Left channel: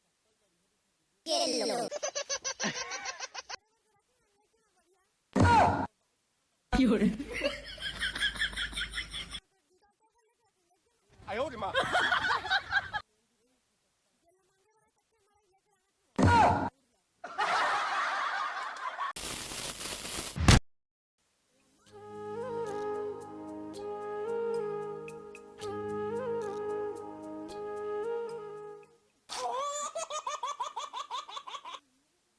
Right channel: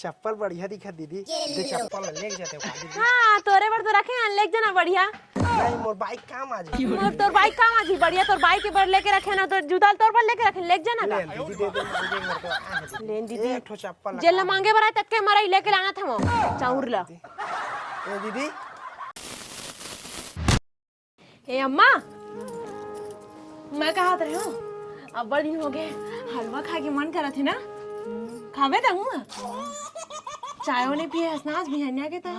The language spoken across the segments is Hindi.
चप्पल बढ़िया दिखा दीदी। ये चप्पल लेके जाते हो। हां तोरे बर तो रखे हैं, लेके जाना बढ़िया। मोर बाइक काम आ जाए। तोर बाइक काम आ जी बढ़िया, तोर बाइक के बर लेके रखे ना, तो जूता तोर पर लेके रखे, लेके जाना का। लेन दीदी एक ठो चप्पल जेल मांगे बरा तक के मरा लेके लाना था वो चाउर ला। दीदी ए अम्मा मैं कहा रही हूँ, अब बड़ दिन हो गए हलवा खा के मन करा थे ना, खावे दा हूँ चाय नहीं पिए स्नास भी हन्या के ता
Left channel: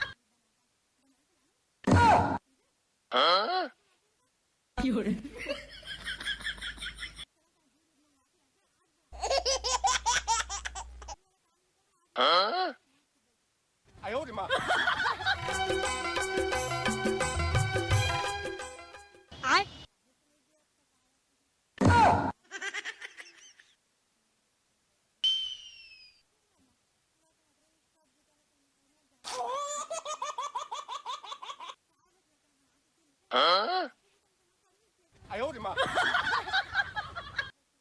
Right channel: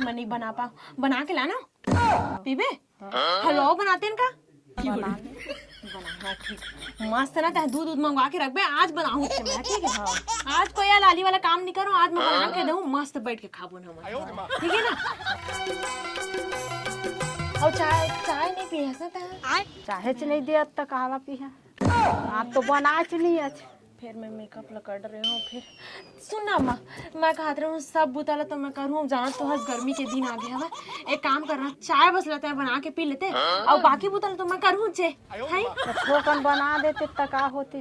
मैं नहीं बना पा, बना के लाना पीबे हलवा बनाते हैं का मस्त ना ता दूध मंगवा के रख बे, आज बनाऊं ठीक है। आज कोई लाली वाला काम नहीं करूं, आज मैं बना के दूं मस्त बैठ के खाबो ना ठीक है ना। और चाय नहीं पिए ऐसा चाहे नहीं दिया तक कहवा पिया आप तो बना नहीं अच्छे। फिर मैं मेकअप कर रही हूँ। फिर सुनना अम्मा मैं कहा रही हूँ सब बुताला तो मैं करूँ, जाना तो गर्मी के दिन आ गया है, एक काम करना चाय बस लेते हैं बना के पी लेते और बाकी बुताला तो मैं करूँ चे बना देते तक होती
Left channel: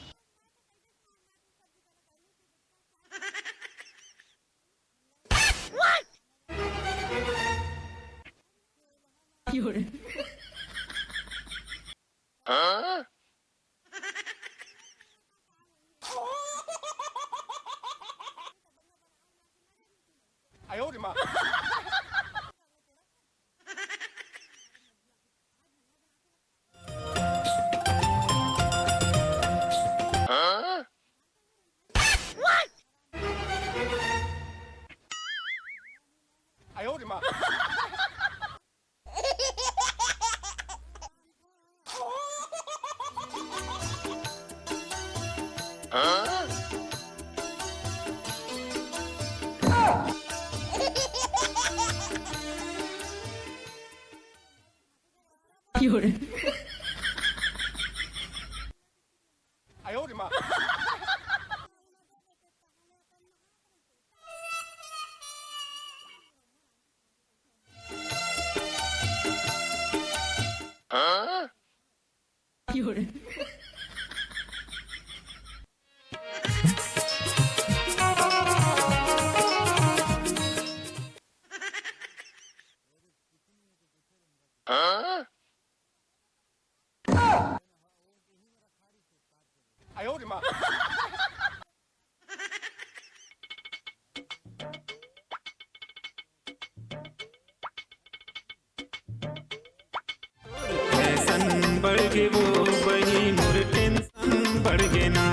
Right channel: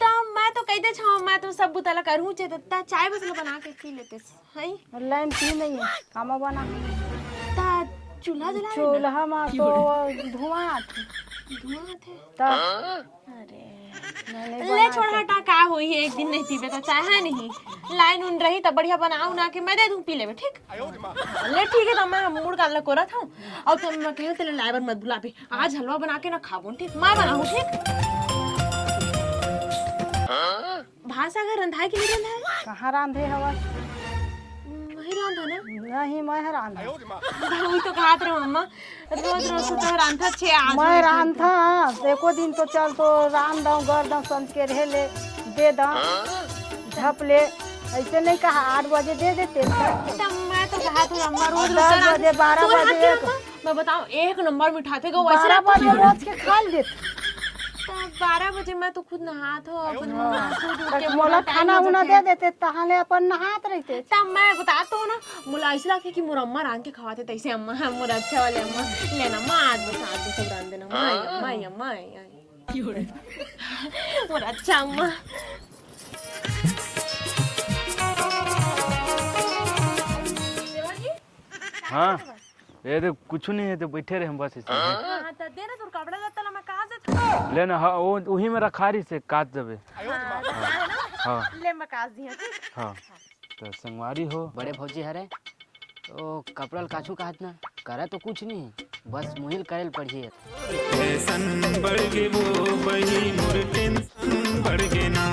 तो मैं तो कहते छो मैं तो सब बुताला करूँ चे तो चाय बस बना के पी लेते है लाइन पी नहीं हम बना चूल्हा जला चूल्हा में तो धुआं ले छोड़ हटा का होई है, एक दिन नहीं पीबे तो चाय है नहीं, लाइन उन रही तो बढ़िया बनाऊ ना के मैं दे दूं पी लेबे ठीक। ले ठीक है तो मैं मूड काल ला कोरा था और तुम मैं कहूं तेरे लाइवर मत बुला पे, आज हलवा बना के ना खाबो ठीक, मैं बनाऊं ठीक। भाषा का रंधाई के लिए कहां रांधे हवा वही रांधा ना नहीं मैं रांधा वही तो कहत रहो अम्मा रोज रोज तो रांधा छे आज मैं रांधा एको दिन तो चल तो रान दऊं घर दऊं संत के रहे ले दे दऊं झप ले ऐसे नहीं कहा 8 बजे दे देते मैं तो कहत हूं अम्मा रोज 10 बजे 12 बजे मैं बताऊं एक नंबर मिठाते को 12 बजे रोज के खा ले 12 बजे मैं तो खुद नहात हो मोला खाना उना दे देते तहाले अपन नहात रहते तब मैं बताता हूँ ना मुला ऐसा लगता कि मोर अम्मा रान के खवाते तैसे अम्मा मोर अच्छा वाले अम्मा लेना माँ आज बता के रान देना माँ अम्मा मोर अच्छा अम्मा। हाँ ये तो कुछ नहीं है तो बैठे रहे हम बस ऐसे। दे ना तोर कपड़ा लत्ता ला मैं कहाँ से लेना हाँ वो वही में रखा रही से काट देबे। हाँ ले मैं काट दिया। हाँ तो संगवारी हो बड़े भौजी हरे तो कपड़ल काछू काट ना करे तो कुछ नहीं बस मुहिल करेल पड़िए फैशन बढ़ गे वो बही मोर टेंशन बढ़ गे ना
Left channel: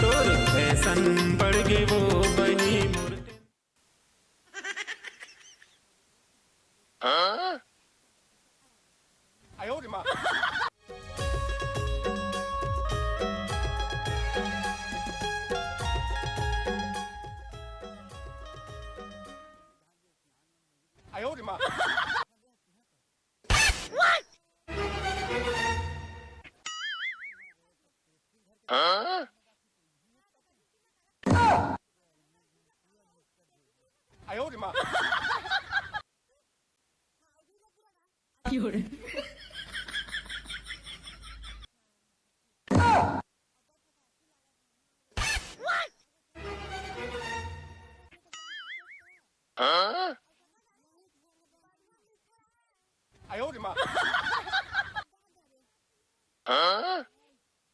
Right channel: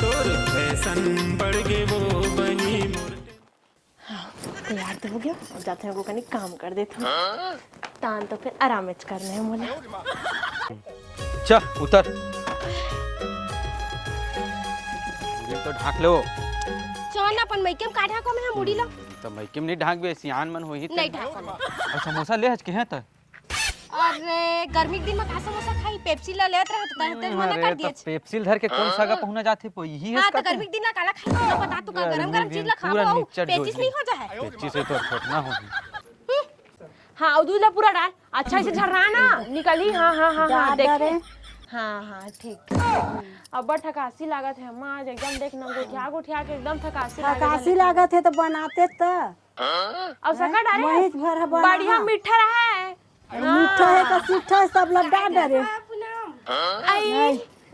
तोर फैशन बढ़ गे वो बही मोर तैयार तो हो गया और जाते हैं वो कहीं काम कर देते हैं तान तो फिर आराम करने हैं मुझे। चल उतर ये तो ढाक लो चल अपन मैकेम काढ़ा को मैं मुड़ी लो तो मैकेम नहीं ढाक बे सियान मन होई नहीं ढाक समोसा ले आज के है त अरे गर्मी के दिन में समोसा खाई पेप्सी ले लेत रह तो मना कर दिए पेप्सी धर के कौन सा का पहुंचा जाथे पो यही है हां तो गर्मी के दिन में काला खाई तो बता तू का गरम गरम चीज ला खाओ पेप्सी नहीं हो जाए पेप्सी से तो ना हो। हाँ और दूध ला पूरा डाल अच्छा से झरना ना निकली। हाँ हाँ हाँ हाँ देख हाँ हाँ ठीक अब बड़ थकासी लागत है अम्मा आज एकदम देख ना उठिया के एकदम थकासी लागत है तो बनाते तो अब सका डाले महीज भर बढ़िया मीठा रहा है मीठा है तो सीठा है सब लोग डाल डरे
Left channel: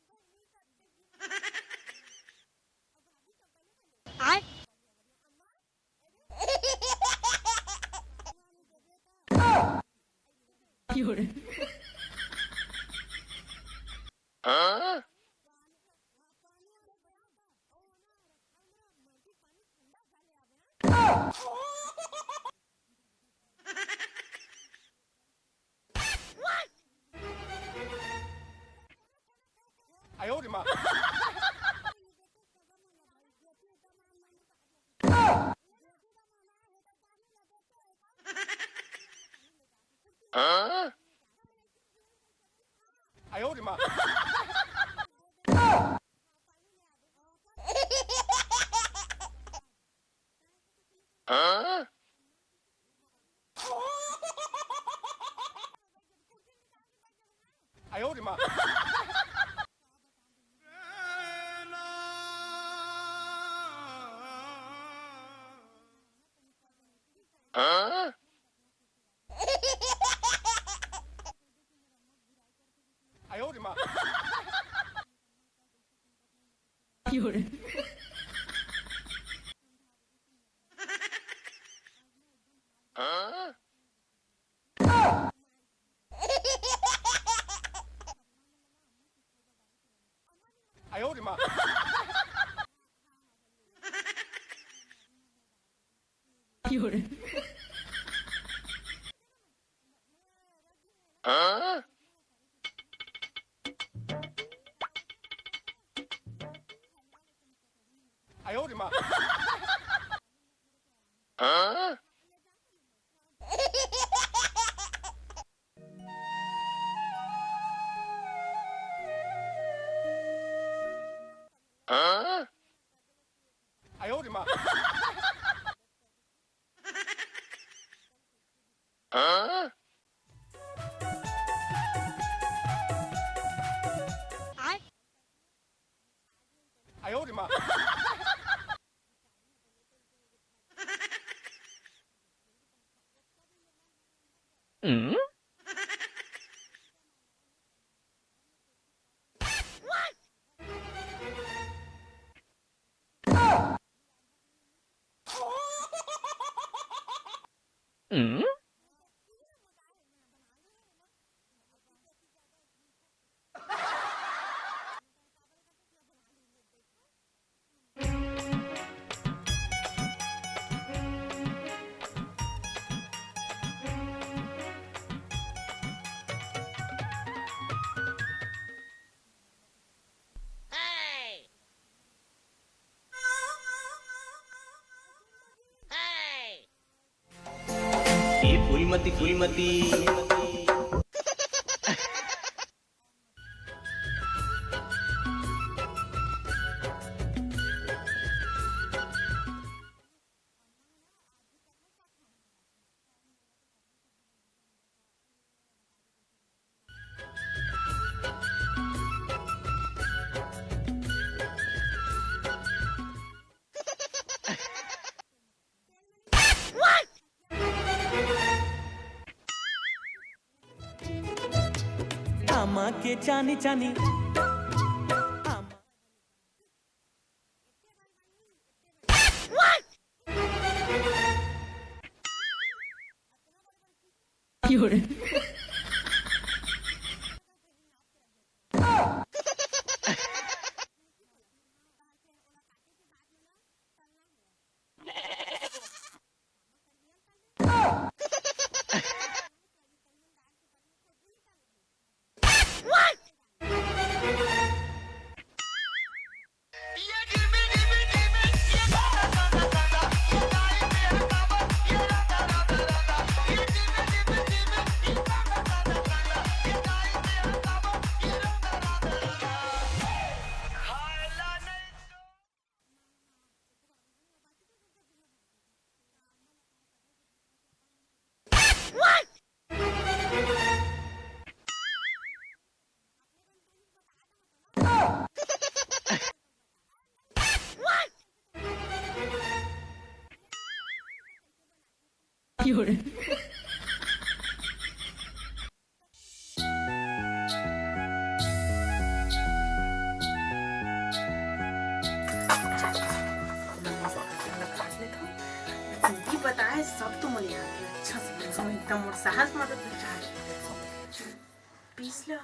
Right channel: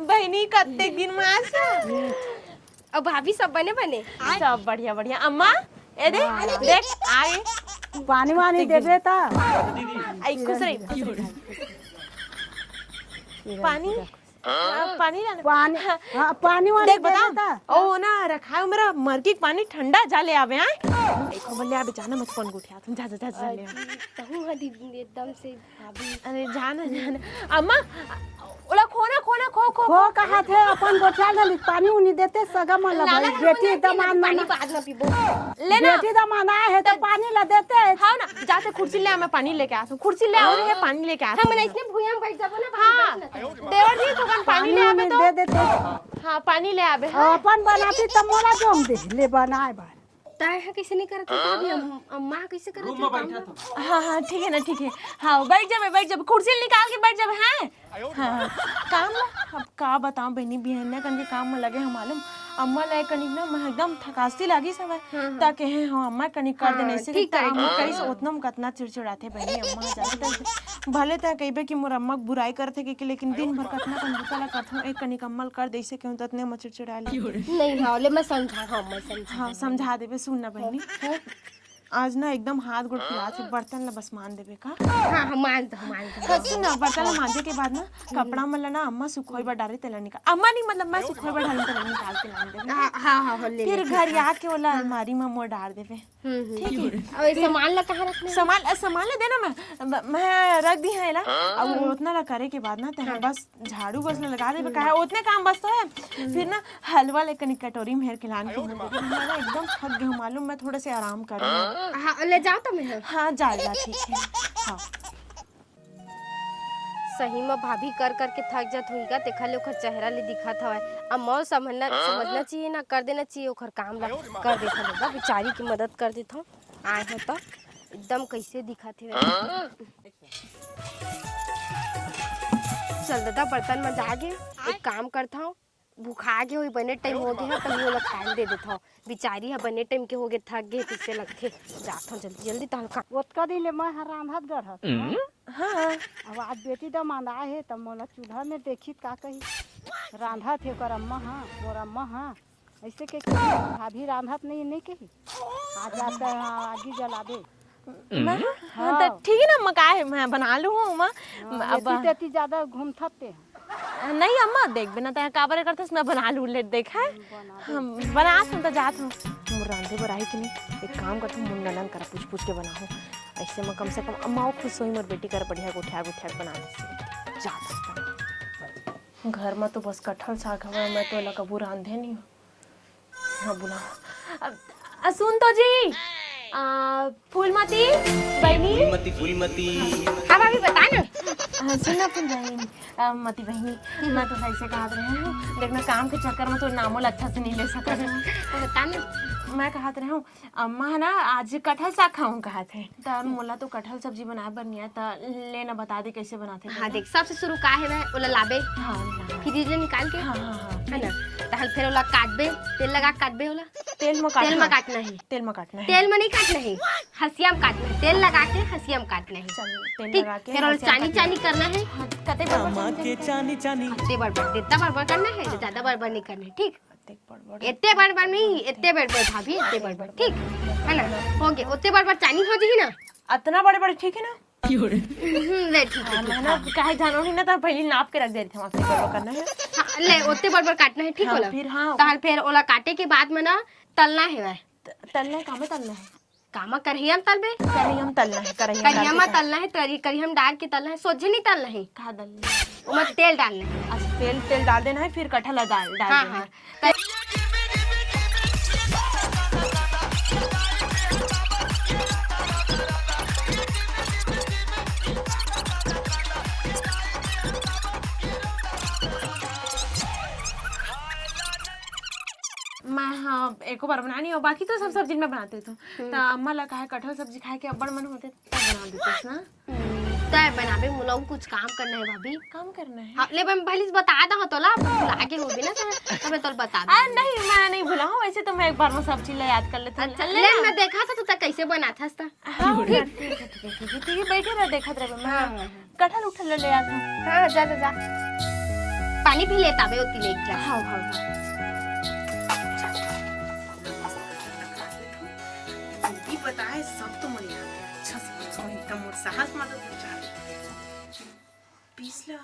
बहनी कत्ते दिन में आज अब भाभी सब बने सब बढ़िया बढ़िया अम्मा ए दे देख आए पानी वानी देबे ता आई खुश रही पानी पानी लाना पानी हां पानी वानी देख बता ओ ना रखा है मेरा मरकी पानी ठंडा जा ले आवे हैं एक ले आवे जाना मत फोन उठा तुम जा ले कहूं हदी एकदम से भाभी अरे जाना अम्मा ओला खोना खोना खो खो खो कहा थे अपन गोठा ले पानी उनी देते सगा मन भाई बेटी दमान पानी बाद में पीबो लेना बेटी दमान आए है तो पानी ला देते हां ना जाते कुर्सी ले मैं पानी लेके आता हूं कुर्सी ले आओ ये पानी लेके आता हम इसने भुइया में बैठ जाबो ना हां देवर जी तो पानी ले आवे तो दे देते हां पानी ले आवे अपन बनाती तो मोला जोम दे ले बनाए बा ताय है कैसे नहीं करत अम्मा कैसे करत रूम में बैठा था हां हां ठीक है ना ठीक है हां बैठ जा कुर्सी निकाल के बैठ जा हैं काम अब का बताऊं बहनी बहन ना कंजे काम में लगे हम मालूम अम्मा लाए कनिक ना मैं एकदम थकासी लागी समय ताकि है हाँ अम्मा कनिक कर देने से ठीक करी। कई सोचना हम कितना चिड़चिड़ाते बहनी अम्मा जाते भले ता कइबे कि मोर अम्मा बुराई करथे के लेकिन दिन भर कितना कंजूसा करथूं एक कनिक अम्मल कर देसे क्यों ततने म चिड़चिड़ा ले नहीं भावले मैं समझा हाँ मैं समझा हाँ समझा देबे सुन ना बहनी आज ना एकदम हाथ गोड़ फैला के बर्तन ला बस मान देबे का हाँ मान दो सुन ना बर्तन ला मांजे के बाद ना कपड़ा मन ला ना अम्मा सुखोई बा डारे तेला निकाल अम्मा नहीं मतलब मैं सुखोई बा डारे तेला निकाल के मान देबे हाँ ले फिर घर आके वाला अलमारी में मोड़ डाल देबे और ये सामान ला कहाँ रखना सामान ले देना मैं रख दी है ला अब उतना ला करे के बाद ना ते बस झाड़ू बस ना लगा देबे का उतने काम बस तो है फिर ना हलवा लेकर कटोरी में हेर के लाने एकदम थक गई मालूम मैं थोड़े से आराम कर हाँ ले जाओ तो मैं हाँ जा ठीक है हाँ सही में भाभी कर करके थक जात होगा देखा ले ओकर चेहरा ले दिखत हवे अब मौ समझना चाहिए ना कर देना चाहिए ओकर काम ला कर देता बेचारी की मदद कर देता आए हो तो एकदम कैसे दिखत है चल दादा बर्तन में जाके एक काम करता हूँ भूखा के हुई बने टाइम हो गया तो वो लोग टाइम दे देता हूँ बेचारी है बने टाइम के हो गए थक गए किससे लगते जाता हूँ जल्दी जल्दी तो हल्का ओतका दिन ले मैं रांधत गढ़त हाँ अब आज बेटी तो माना है तब मोला चूल्हा में देखी का कही रांधत है पर अम्मा हाँ और अम्मा हाँ ऐसे के भाभी रांधत नहीं कही आज आपका आगे जला दे हाँ तो ठीक है ना अम्मा का है मैं बना लूँ अम्मा अब तेती ज्यादा घूमथते हैं नहीं अम्मा देख बिना तो काबर करते मैं बना लूँ ले देखा है हम बना तुम तो जात हूँ रांधे बराई के लिए एक काम करती हूँ मुंडन कर पूछ के बनाओ ऐसे में कम से कम अम्मा खुश हुई मेरी बेटी कर बढ़िया गुठिया बना घर में तो बस कटहल साग हवा मैं तो लगा कबू रांधे नहीं हूँ हाँ बुला सुन तो जी फूलमती बहनी फूलमती अब अभी बता ना सुना फूलमती मती बहनी मैं तो ऐसे कहा रही हूँ देखना काम के चक्कर में तो नामों अच्छा से नहीं ले सकते बता ना मैं कहा रही हूँ अम्मा ना आज कटहल साग खाऊं कहा थे तो मोला तो कटहल सब्जी बनाए बनी है तो लेना बता दे कैसे बनाते हाँ देख सबसे शुरू का है वह ओला लाबे फ्रिज में निकाल के है ना तहल फिर ओला काटबे तेल लगा काटबे ओला तेल में काटना है तेल में काटना है तेल में नहीं काटना है हसिया में काटना है तेल लगा के हसिया में काटना है तेल लगा के फिर ओला चानी चानी करना है कते मामा के चानी चानी इतने बड़बड़ इतना बड़बड़ करना है ज्यादा बड़बड़ नहीं करना है ठीक इतने बड़बड़ नहीं इतने बड़बड़ भाभी इतने बड़बड़ ठीक है ना हो गया उतने बड़बड़ चानी हो जाएगी ना इतना बड़े बड़े ठीक है ना ले ठीक है मैंने कहे जानो नहीं ना तो पहले नाप के रख दे रही थी करना है ले उतने बड़बड़ काटना है ठीक होला फिर हाँ ताल फिर ओला काटे के बाद में ना तलना है वह तलना कामे तलना है कामा करहिया में तलबे हम तलना है करिया में तलना है करिया में डाल के तलना है सोझे नहीं तलना है कहा डालना मत तेल डालना है तेल डाल देना है फिर कटहल डाल हाँ देना है मैं हाँ एक बार बनानी और बाकी तो सब सब्जी में बनाते थे तो अम्मा ला कहा कटहल सब्जी खाए के अब्बड़ मन होते ना तय बनाबे मुलाऊ कुछ काम करना है भाभी काम करना है हाँ ले मैं पहले बता दा तोला आगे होबे ना तो मैं तोल बता दूं नहीं मैं नहीं भूलाऊं वैसे तो मैं एक बार में सब्जी ला याद कर लेती हूं अच्छा ले मैं देखा था तू कैसे बनाता था ठीक बैठे रह देखत रह मैं कटहल उठल ले आता हां जा जा पानी पी लेता बे उती ले क्या हां हां जल्दी बताए सब तो मुझे याद है अच्छा से बनाओ एकदम और साहस मदद चाहे पीस लो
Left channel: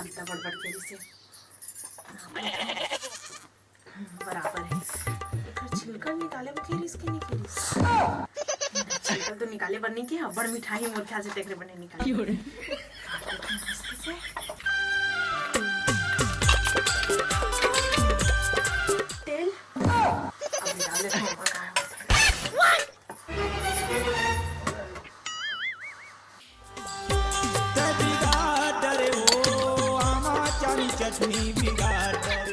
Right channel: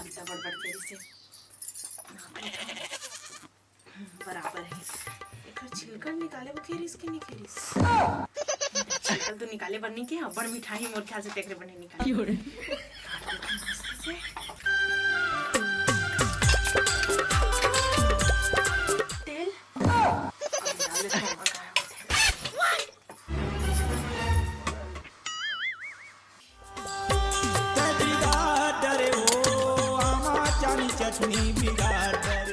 अंता बड़बड़ तेरी से बराबर है एक छिलका निकाले बखेर इसके निकली छिलका तो निकाले बनने की बड़ मिठाई मोर ख्याल से टेकरे बने निकाले तेल अब डाल देता हूं चटनी बिगाड़ कटहल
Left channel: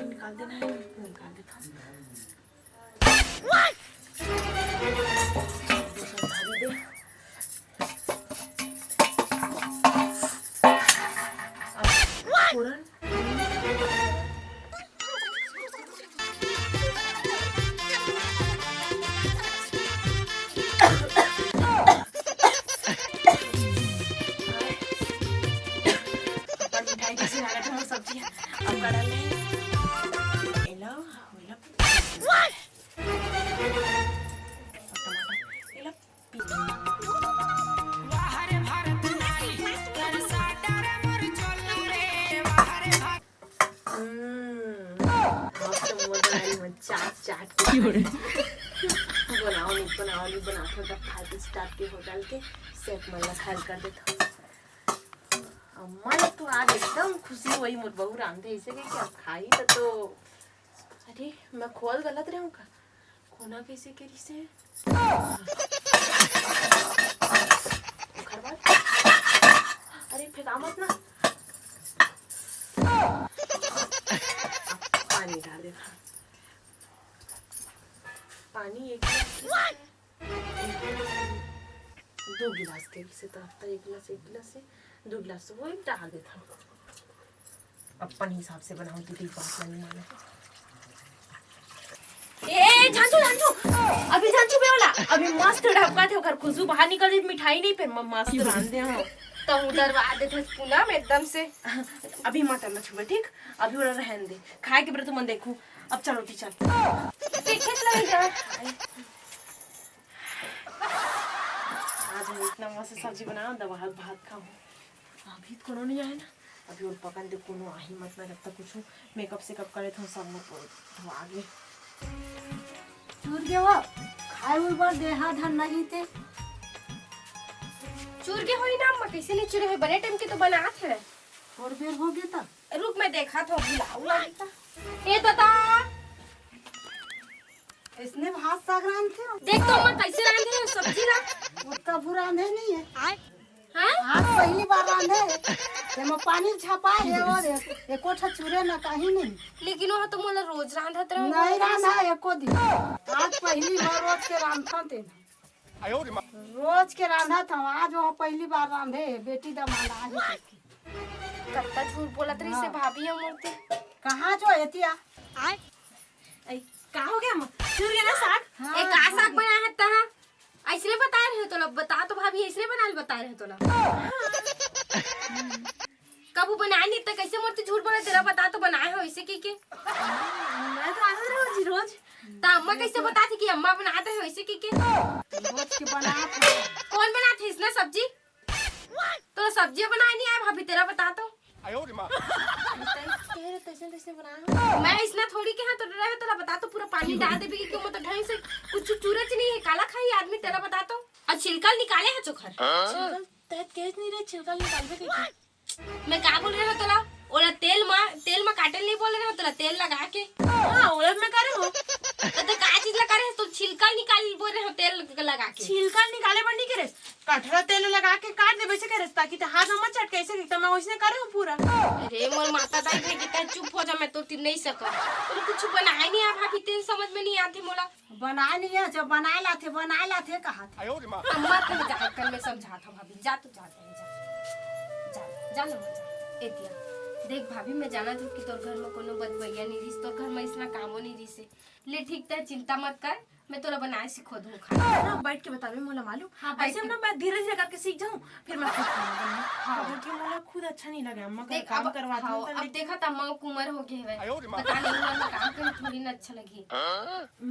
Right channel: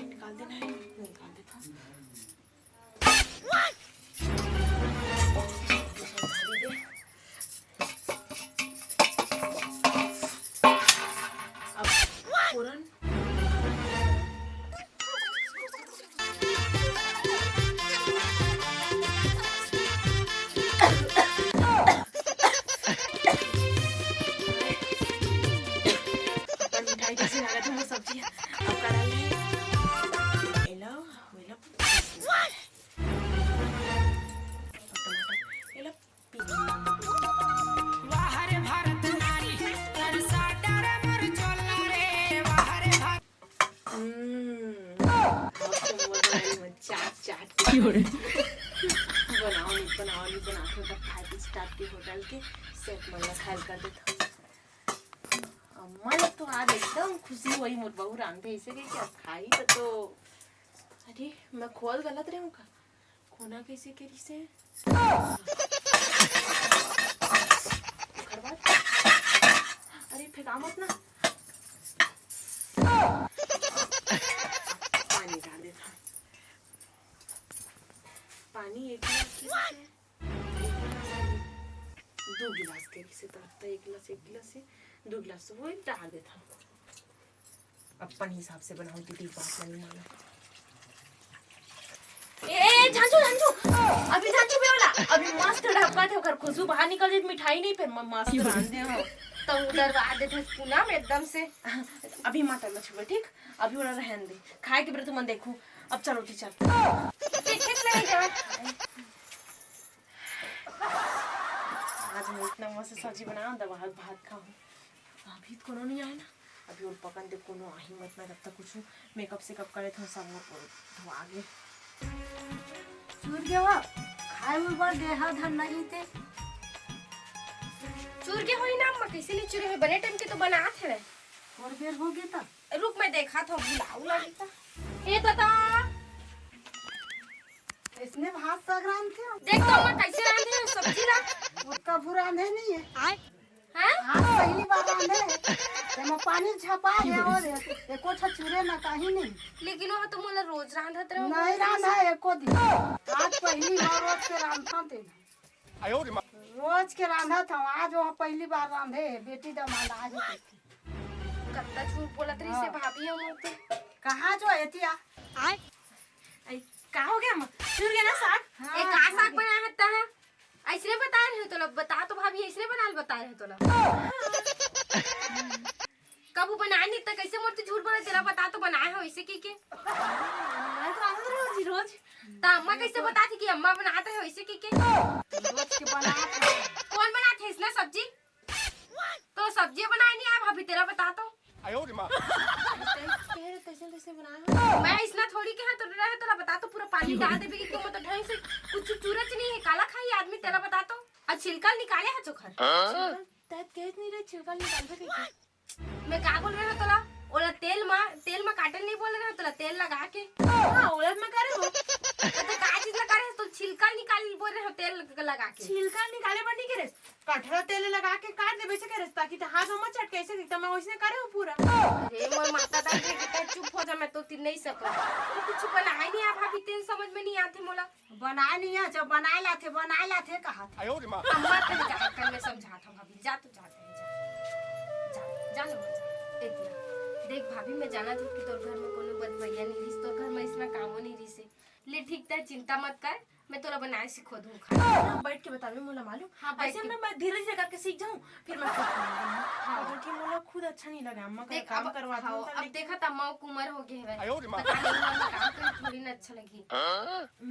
निकाल देना है निकाल देता हूं फोरन मिठाई कैसी लागत है सब्जी अब का डाल दे एला एला अम्मा लोग तो आज एकदम खुशी हुई मोर बहू रांधे ऐसे कि क्या खाई तो अरे मैं खोल गलत रहूं का खोना कैसे करी से अरे फेंका मत ना पानी डाल दे पानी एक दो गिलास के से तो एक गिलास से 2 गिलास तो वो डाल देता हूँ अपन हिसाब से बनाऊँ दीदी बात नहीं माना ए झांझू अभी झांझू भी होला अभी मस्त ढक्का थे ओकर खुशबू बाहर निकल जाए मिठाई नहीं फिर मस्त रांध दे हां तो उधर आ देते पुना में एकदम से अभी मत ना छुए ठीक अभी उड़ा रहन दे खाए के ब्रत मन देखूं अब चलो टी चल देखे नहीं जा आज मैं इतना मस्त सब्जी बना दवा भात खाऊं अभी तो कोनो नहीं आए ना अभी और पकन दे कोनो आही मत ना जब तक कुछ मेकअप से कब करे तो सब वो आगे चूर के वो खाए हुए बार देहा धन नहीं थे चूर के होई ना अम्मा कैसे नहीं चूरे है बने टाइम के तो बनात है और बेर हो गया था रुक मैं देखा था बुलाऊ लगता ये बता इसने भात साग रांध थे देख तो अम्मा कैसे रांधे हैं सब्जी ना उसका बुरा रांधे नहीं है हैं आज पहली बार रांधे तेमा पानी छपा है और एको चूरे ना कहीं नहीं लेकिन वो तो मोला रोज रांधत रहो नहीं रांधा एको दिन आज पहली बार रोज के रांधता थे रोज के रांधा था आज वो पहली बार रांधे बेटी दमाद आज कत्ता झूठ बोलत रही से भाभी हम उनके कहाँ जो एतिया का हो गया अम्मा चूर गया ना साग एक का साग बनाया है तहा ऐसे बता रहे हो तो लो बता तो भाभी ऐसे बना बता रहे हो तो लो कब बनाए नहीं तो कैसे मोर झूठ बोला तेरा बता तो बनाए हो ऐसे की के मैं तो आधा रोज रोज ता अम्मा कैसे बताती कि अम्मा बनाते हो ऐसे की के रोज के बनाते कौन बनाते इसने सब्जी तो सब्जी बनाए नहीं आया भाभी तेरा बता तो तैसे बनाया मैं इसना थोड़ी के हाथ तो रहे तो बता तो पूरा पानी डाल दे भी क्यों मत ढंग से कुछ चूरच नहीं है काला खाई आदमी तेरा बता तो और छिलका निकाले है चोखर तैत केस नहीं रे छिलका निकाल दे मैं क्या बोल रहा तोला ओला तेल में काटल नहीं बोल रहा तोला तेल लगा के हां ओला में करे हो तो का चीज लगा रहे तो छिलका निकाल बोल रहे हो तेल लगा के छिलका निकाले पर नहीं करे कटरा तेल लगा के काट दे वैसे करे ताकि तो हाथ मत चटके ऐसे तो मैं वैसे करे हूं पूरा अरे मोर माता दा के चुप हो जा मैं तो नहीं सका तो कुछ बनाए नहीं आ भाभी तेल समझ में नहीं आती मोला बनाए नहीं है जब बनाए लाथे कहा अम्मा कल जा कर मैं समझा था भाभी जा तो जा जा लो एतिया देख भाभी मैं जाना था कि तोर घर में कोनो बदवैया नहीं रही तोर घर में इसना कामो नहीं रही से ले ठीक है चिंता मत कर मैं तोरा बनाए सिखो दूं खाना बैठ के बता दे मोला मालूम हाँ, ऐसे ना मैं धीरे धीरे करके सीख जाऊं फिर मैं खुद बनाऊंगा हां क्योंकि मोला खुद अच्छा नहीं लगा अम्मा का काम करवाती हूं अब देखा त अम्मा को उम्र हो गई है पता नहीं मैं काम कर थोड़ी ना अच्छा लगी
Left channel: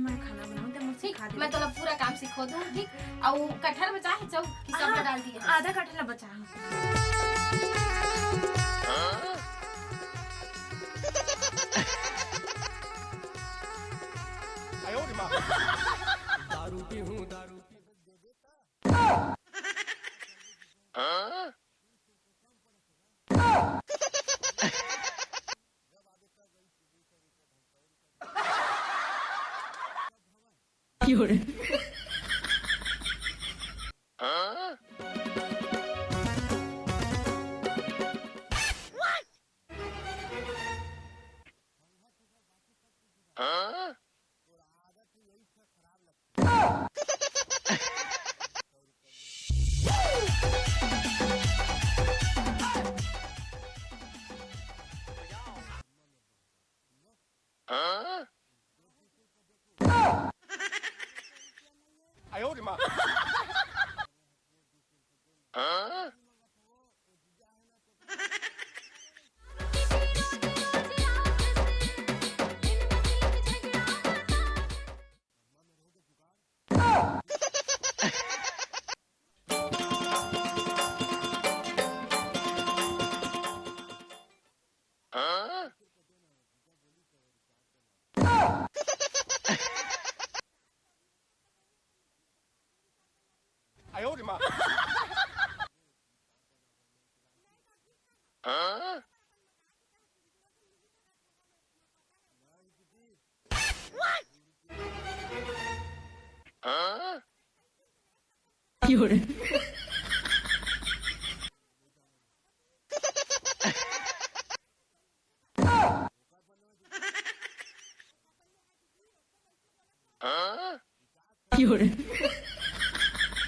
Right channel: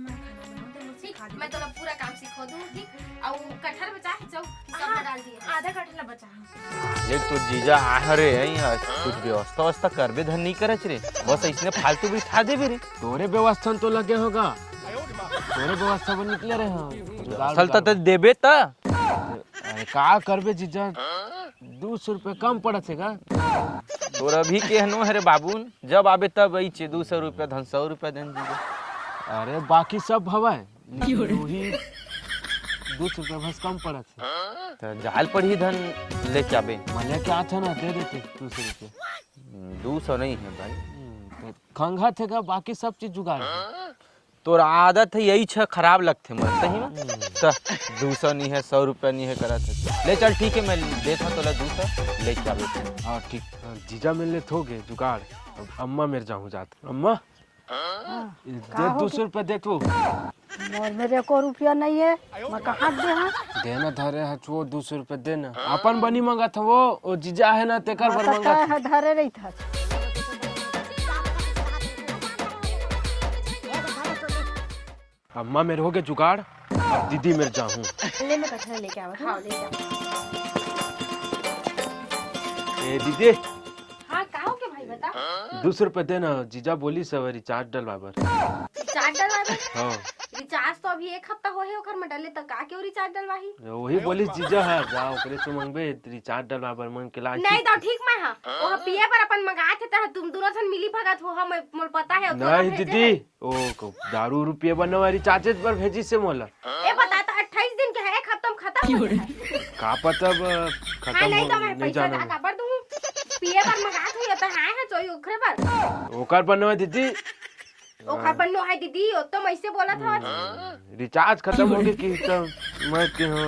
मैं खाना बनाऊंगा मैं सिखा दूं मैं तोरा पूरा काम सिखो दूं ठीक और कटहर में चाहे जाओ कि सब डाल दिए आधा कटला बचा एक तो जीजा आहरे है कुछ व्यवस्था करबे धन नहीं करे रे बस इसने फालतू भी खा दे रे तोरे व्यवस्था तो लगे होगा तोरे व्यवस्था बन निकले रहे चलता तो देबे त का करबे जीजा 200 रुपए कम पड़त है का तोरा भी केहनो है रे बाबून जब आबे तब आई छे 200 रुपए धन 100 रुपए देन दीजिए अरे बाकी सब हवा वही 200 रुपए बस कम पड़त है तो जाल पर ही धन ले जाबे मैंने कहा था ना दे दे 200 रुपए 200 नहीं है भाई तो खंगा थे का बाकी सब चीज जुगाड़ तोर आदत है यही छ खराब लगते मत तो 200 नहीं है 100 रुपए नहीं है करा ले चल ठीक है मैं दे तो 200 ले चलो। हाँ ठीक। जीजा मिलने थोगे जुगाड़। अम्मा मेरे जाऊँ जात। अम्मा दे 200 रुपये दे तू। मोर मेरे को रुपया नहीं है, मोर कहाँ दे हाँ? देना धरे है वो 200 रुपये देना। अपन बनी मंगा था वो जीजा है ना तेकर बर मंगा था। है धरे रही था। अम्मा मेरे हो गए जुगाड़, दीदी मेरे जाऊँ। ले मैं कचरा लेके आवा खाओ ले। ए दीदी हाँ का हो के भाई बता। 200 रुपये देना, जीजा बोली सब रिचार्ज डलवा बर। रिचार्ज डलवावे? हाँ रिचार्ज तो अभी 1 हफ्ता होए ओकर में डले त का क्यों रिचार्ज डलवाही? वही बोली जीजा है जाओ ओकरे से मंगबे रिचार्ज डलवा बर मन के ला। नहीं तो ठीक मैं हां वो पिए पर अपन मंगाए थे त तुम दोनों जन मिली भगत हो हम मोर पता है। नहीं दीदी ओ दारू रुपये बनवा रिचार्ज पर भेजी से मोला। ए बता तो 28 दिन के है 1 हफ्ता में खत्म। का पता खत्म नहीं तो मैं नहीं पैसा जाना। का बर दूं पिए पर मंगाए थे त हां है चोई ओखरे पर ओकर बनवा दीदी। ओखर पर नो है दीदी ओ तो मैं से बोला था। रिचार्ज खत्म हो गई कि तो मैं के हो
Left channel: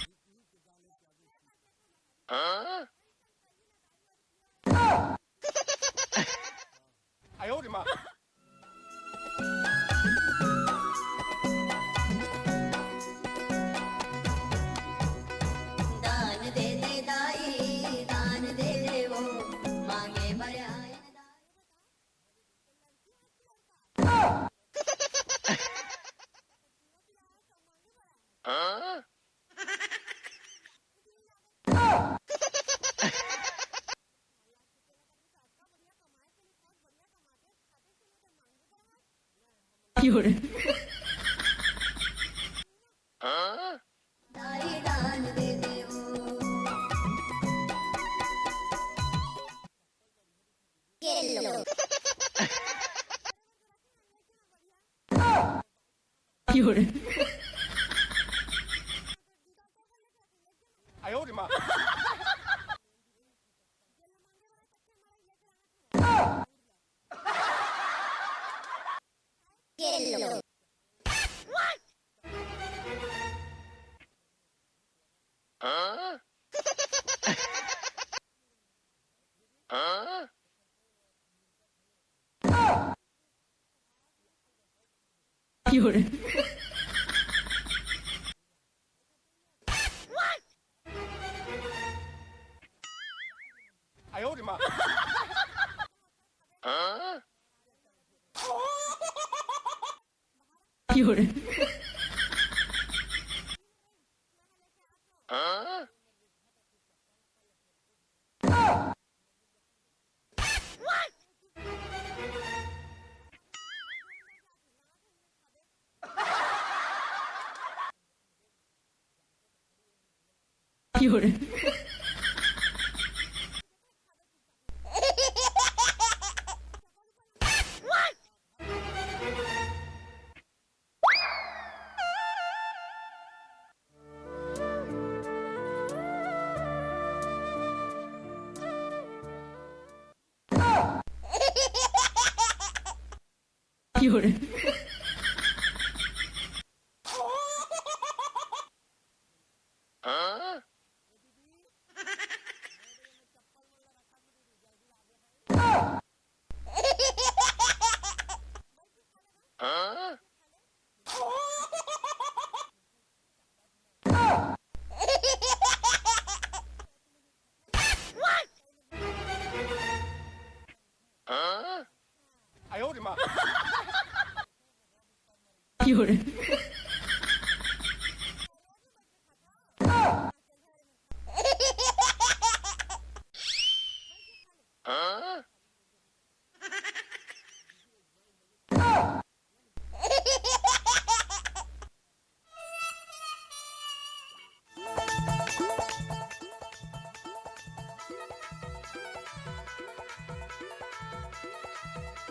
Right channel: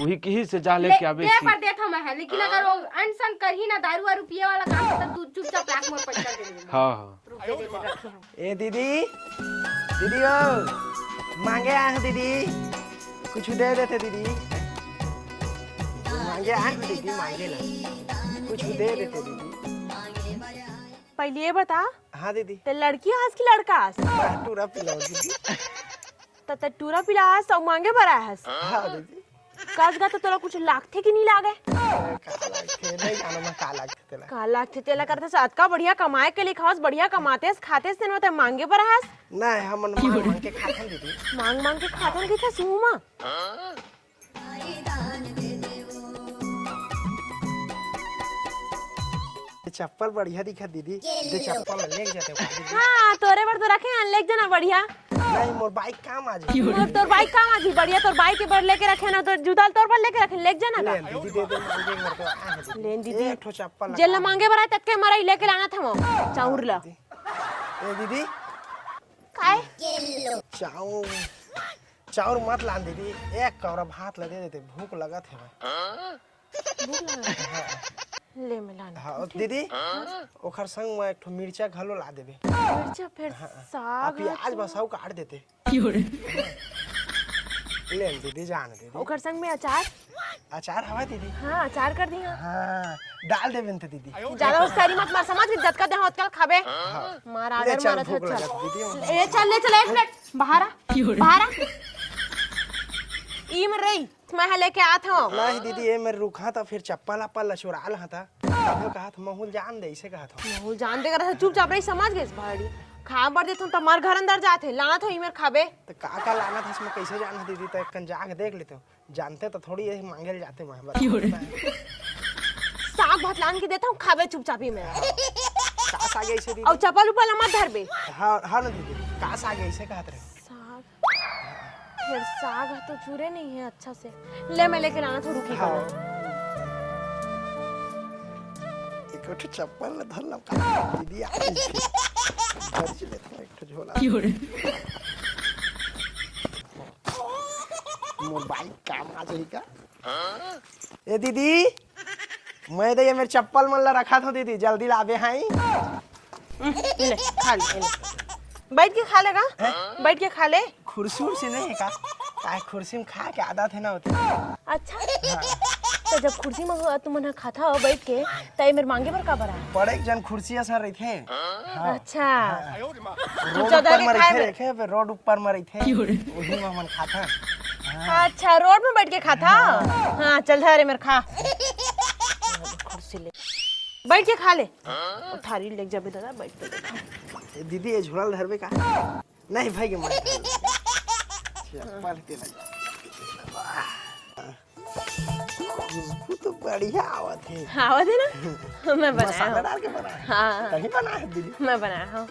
वही की से जा लेके आवे दे पर देता मैं है लेकिन अगर वो अनसन कर ही ना दारू और रुपये वाला काम तो तू चुपचाप राख मोर पैसा दे दे। हाँ हाँ ए दीदी, दीदी ओ मांगे आए हैं दीदी, कुछ दे देते दीदी। मांगे आए हैं दीदी, मांगे कुछ दे देते दीदी। पहले ये बता हाँ दीदी। ते लड़की हंस की लड़का हंस? पूरा पिलाओ दीदी। ते टूरा पिला हंस और मांगे बरा हंस। हाँ दीदी। काज गा तो तोरा कुछ लागथे कि नहीं लागे? नहीं जाना मैं काला तेला। का लागथे तेला करते साथ का बढ़िया कमाए के लिए खास बढ़िया कमाते खाते से न मांगे बरा हंस। नहीं हम मांग के खाते हैं दीदी। मांग के खाते के था सुमा। चप्पल बढ़िया दिखा दीदी। ये चप्पल ले जाते हो। हाँ तोरे बर तो रखे हैं ले जना बढ़िया। नहीं मोर बाइक काम आ जाए। तोर बाइक काम आज बढ़िया तोर बाइक के बर लेके रखे ना तो जूता तोर पर लेके रखे ले जना ले का। दीदी लेन दीदी एक ठो चप्पल जेल मांगे बरा तक के मरा लेके लाना था वो चाउर ला। ए दीदी काय चाउर मत ला दीदी, एक कौरा भात ला दे देते, भूख लगत है। ले मिलाना। हाँ दीदी ओखर संग में एक ठो मिर्चा घलो ला देबे। अच्छा फिर आ साग प्याज बसाऊ काट देते। ले दीदी जान दीदी। ओकर संग में अचार। अचार हवा दीदी। हाँ अचार कर दिया। हाँ डाल देबे त दीदी। ज्यादा उसकारी मत मार समझ जत का दे होत कल खाबे। मार ले आगर चल मारत भूख है लगत चल। दीदी। ए चल ले चल 1 मिनट बाहर आ बाहर आ। ई में रही मैं लेके आत हूं। नहीं दीदी ये मैं रुका था फिर चप्पल अप्पल लछुरा लहा था। तो कहा था महूल जान दे इसे कहा था। वो जानते कर चुपचाप रही समझ गए भाई। खा बर देत हूं त मार घर अंदर जाते लाना तो ई में खाबे। तो का लाना था इसमें कैसे जाना दीदी, तो एक जाके देख लेते हो। जानते तो थोड़ी यही मांगे जाते मैं। साग भात लान के देता हूं खाबे चुपचाप ही में। कास आगे इसे दीदी। और चप्पल ऊपर मत धर बे। हाँ हाँ दीदी कास आगे इसे कहत रहे। साग फिर साग है तो चूरे नहीं है अच्छा से। ले मैं लेके लाना था रुकी हाँ। एक ठो चप्पल में धर लगा दीदी। एक ठो झोला। मोर बाइक काम आ जाएगा। ए दीदी मैं तो ये मेरे चप्पल मन ला रखा था दीदी, जल्दी लावे हैं। ले खा ले बैठ के खा लेगा। बैठ के खा ले। कुर्सी उर्सी नहीं है का? कुर्सी में खा के आदत है ना होती। अच्छा तो जब कुर्सी में हो तुम ना खाता हो बैठ के तय मेरे मांगे पर का बरा। बड़े जन कुर्सी ऐसा रही थे। अच्छा रोड ऊपर में रही थे, फिर रोड ऊपर में रही थे। वही में मन खाता। अच्छा रोड में बैठ के खाता। हाँ चल धरे मेरे खा। कुर्सी ले बैठ के खा ले। थारी ले जाबे दादा बैठ के। दीदी ये झोला धरबे का? नहीं भाई के मन चप्पल के लग। तो बढ़िया आवत है। आवाज है ना मैं बनाया मसाला हूँ। डाल के बना। हाँ तभी बना है दीदी। मैं बनाया हूँ।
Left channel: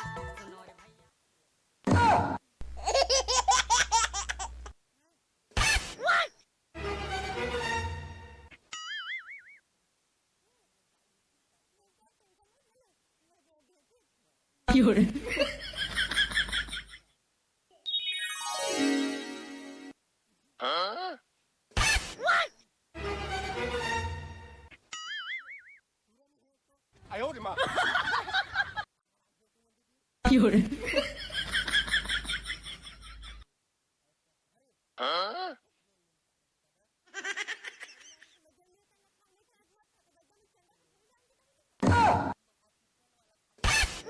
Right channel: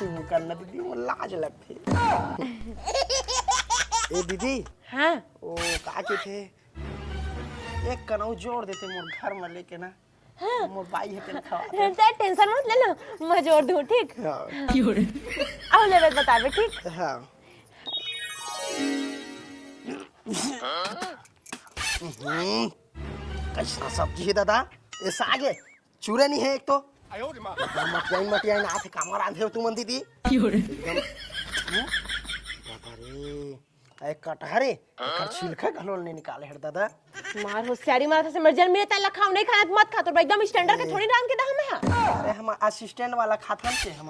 तू करना दीदी वो लाज लगती। ए दीदी हाँ वो काके थे एक कनौ जोड़ देते मोर घर में लेके ना। मोर बाई है तेरे खवा ते टेंशन मत ले लो, मैं जोड़ दूं, ठीक? हाँ आओ ले बतावे, ठीक? हाँ कैसा सब्जी है दादा? ये साग है, चूरे नहीं है एक तो। मटियाई ना थे कामर आंधे तू मन दीदी। अरे कटहरे छिलका घलोल नहीं निकाले है दादा। मार होशियारी मार से मर्जन मेरे ताला खाओ नहीं खाना मत खा तो एकदम स्टैंडर्ड के थोड़ी राम के दा हम अरे हम असिस्टेंट वाला खातन से हम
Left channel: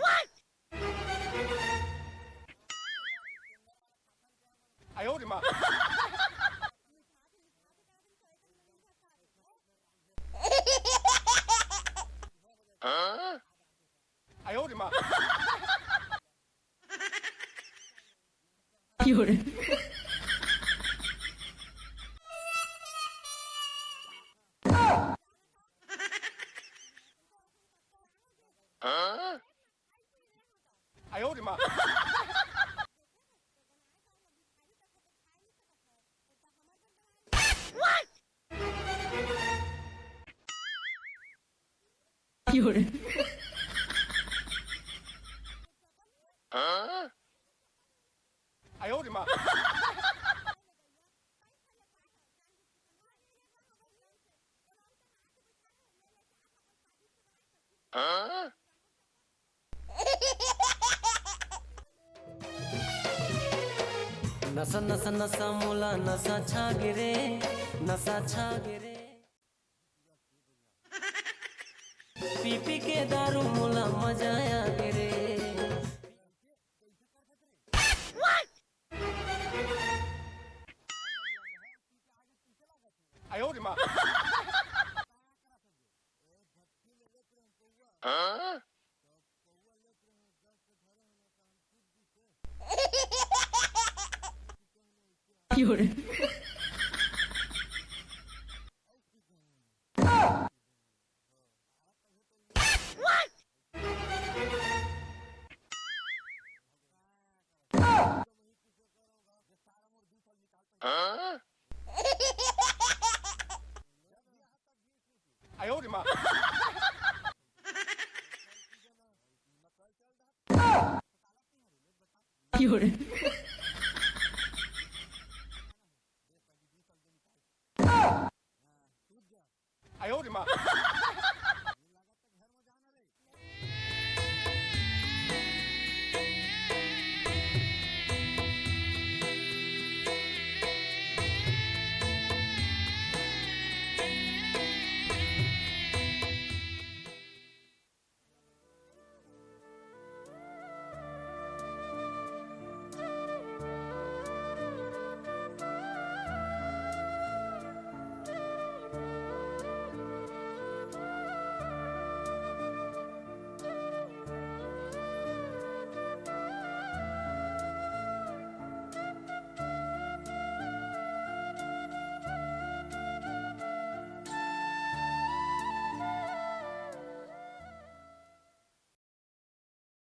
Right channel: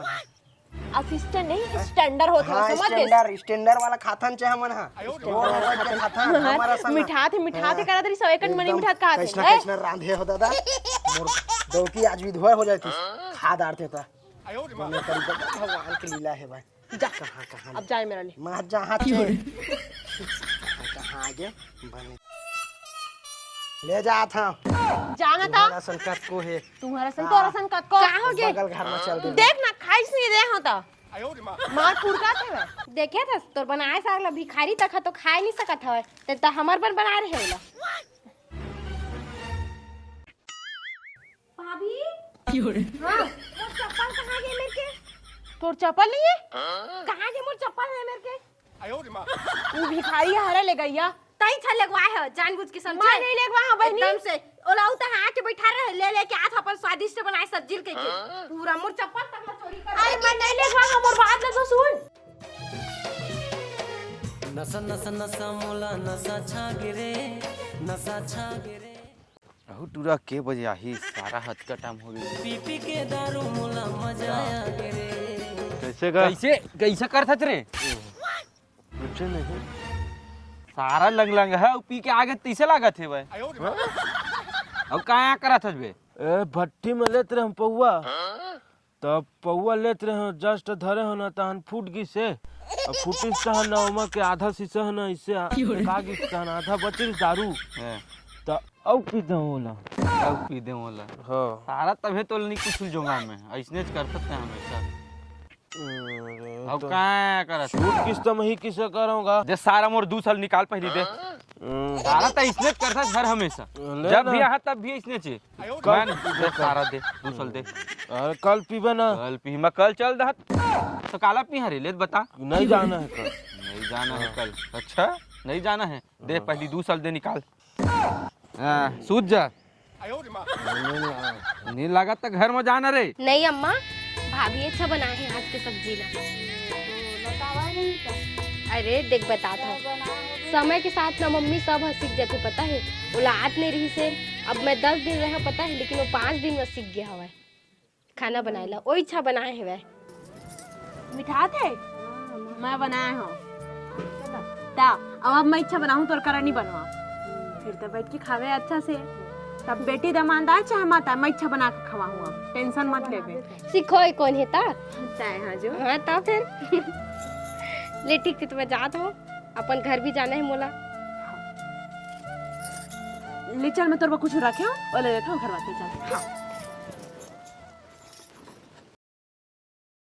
असिस्टेंट नहीं स्टैंडर्ड होता हाँ है समझ गए स्टैंडर्ड वाला खातन से हमन हां हमारा संग मिठा थे करा तरी 100 एकड़ मनी मिठा खा कैसना कैसना रांधे हो दादा। दौकी आज विधवा हो जाती खाद आरते था भगवान की लीला है भाई। अब जाए मेरा लिए मां जहां आगे ले जा था जाना था बड़ा संकट को है तुम्हारा संकट को का हो गया बगल घर में चल दे देख ना खाइस नहीं दे होता मार फुरका थे देखे था तोर बनाए साग ला भिखारी तक तो खाए नहीं सकत हवे ते त हमर पर बना रहे ला भाभी चप्पल कहां गए मेरे के तोर चप्पल नहीं है कहां गए मोर चप्पल है मेरे के तू भिखारी हरे ले गईया तई छ लगवाए है जानबूझ के समझे मैं नहीं लगवा हां बहनी एकदम से ओलाऊ त आके बैठा रहे ले ले के आज अपन स्वादिष्ट बनाए सब्जी के पूरा मोर चप्पल तक मैं चोरी कर अरे मैं नहीं लगवा हमर बात ना तो सुन नसा नसा नसा मोला नसा छा गिरे नसा छा गिरे अहो टूरा के बजे आही सारा हद का टाइम हो गया। पी पी के दारू मोला मजा आया गिरे कैसे कैसे करत रे सारा लंग लंग है पी के आगे तीसे लागत है भाई अब कहाँ करत है बे ए भट्टी में लेत रहे हम पौवा तब पौवा लेत रहे हो जस्ट धरे हो ना तहन फूट गई से अब फूटिस तहन ना ओमा के आधा शीशा है ना इससे आगे तहन आधा बचिल दारू तो अब पीते होला पी दे मोला हां सारा तबे तो नहीं कुछ जुगाड़ में ऐसने कर सकते हैं अब कहाँ करत किस तो मैं ही किसे करूंगा दे सारा मोर 2 साल निकाल पहले दे सारा तो इसने करता घर हमेशा जब भी आहा तब भी इसने चे दे सारा दे 2 साल दे अरे कल पीबे ना कल पी मैं कल चल दहत तो काला पी हरे ले बता नहीं जाना है कल। नहीं जाना है कल अच्छा नहीं जाना है दे पहली 2 साल दे निकाल हां सूझ जा नहीं लगा तो घर में जाना रे नहीं अम्मा भाभी अच्छा बनाए हैं आज की सब्जी ला अरे देख बताता हूँ समय के साथ ना मम्मी सब सीख जाती पता है औलाद नहीं रही से अब मैं 10 दिन रहा पता है लेकिन वो 5 दिन में सीख गया हुआ है खाना बनाए ला वो इच्छा बनाए है वह मिठा थे मैं बनाया हूं ता अब मैं इच्छा बनाऊं तो करा नहीं बनवा फिर तो बैठ के खावे अच्छा से तब बेटी दमानदार चाहे माता मैं इच्छा बना के खवाऊंगा टेंशन मत लेबे सीखो कौन है ता चाहे हां जो हाँ ता फिर ले ठीक थी तो मैं जात हूँ अपन घर भी जाना है मोला ले चल मैं तोर कुछ रखे हो और ले लेता हूं घर वापस चल हाँ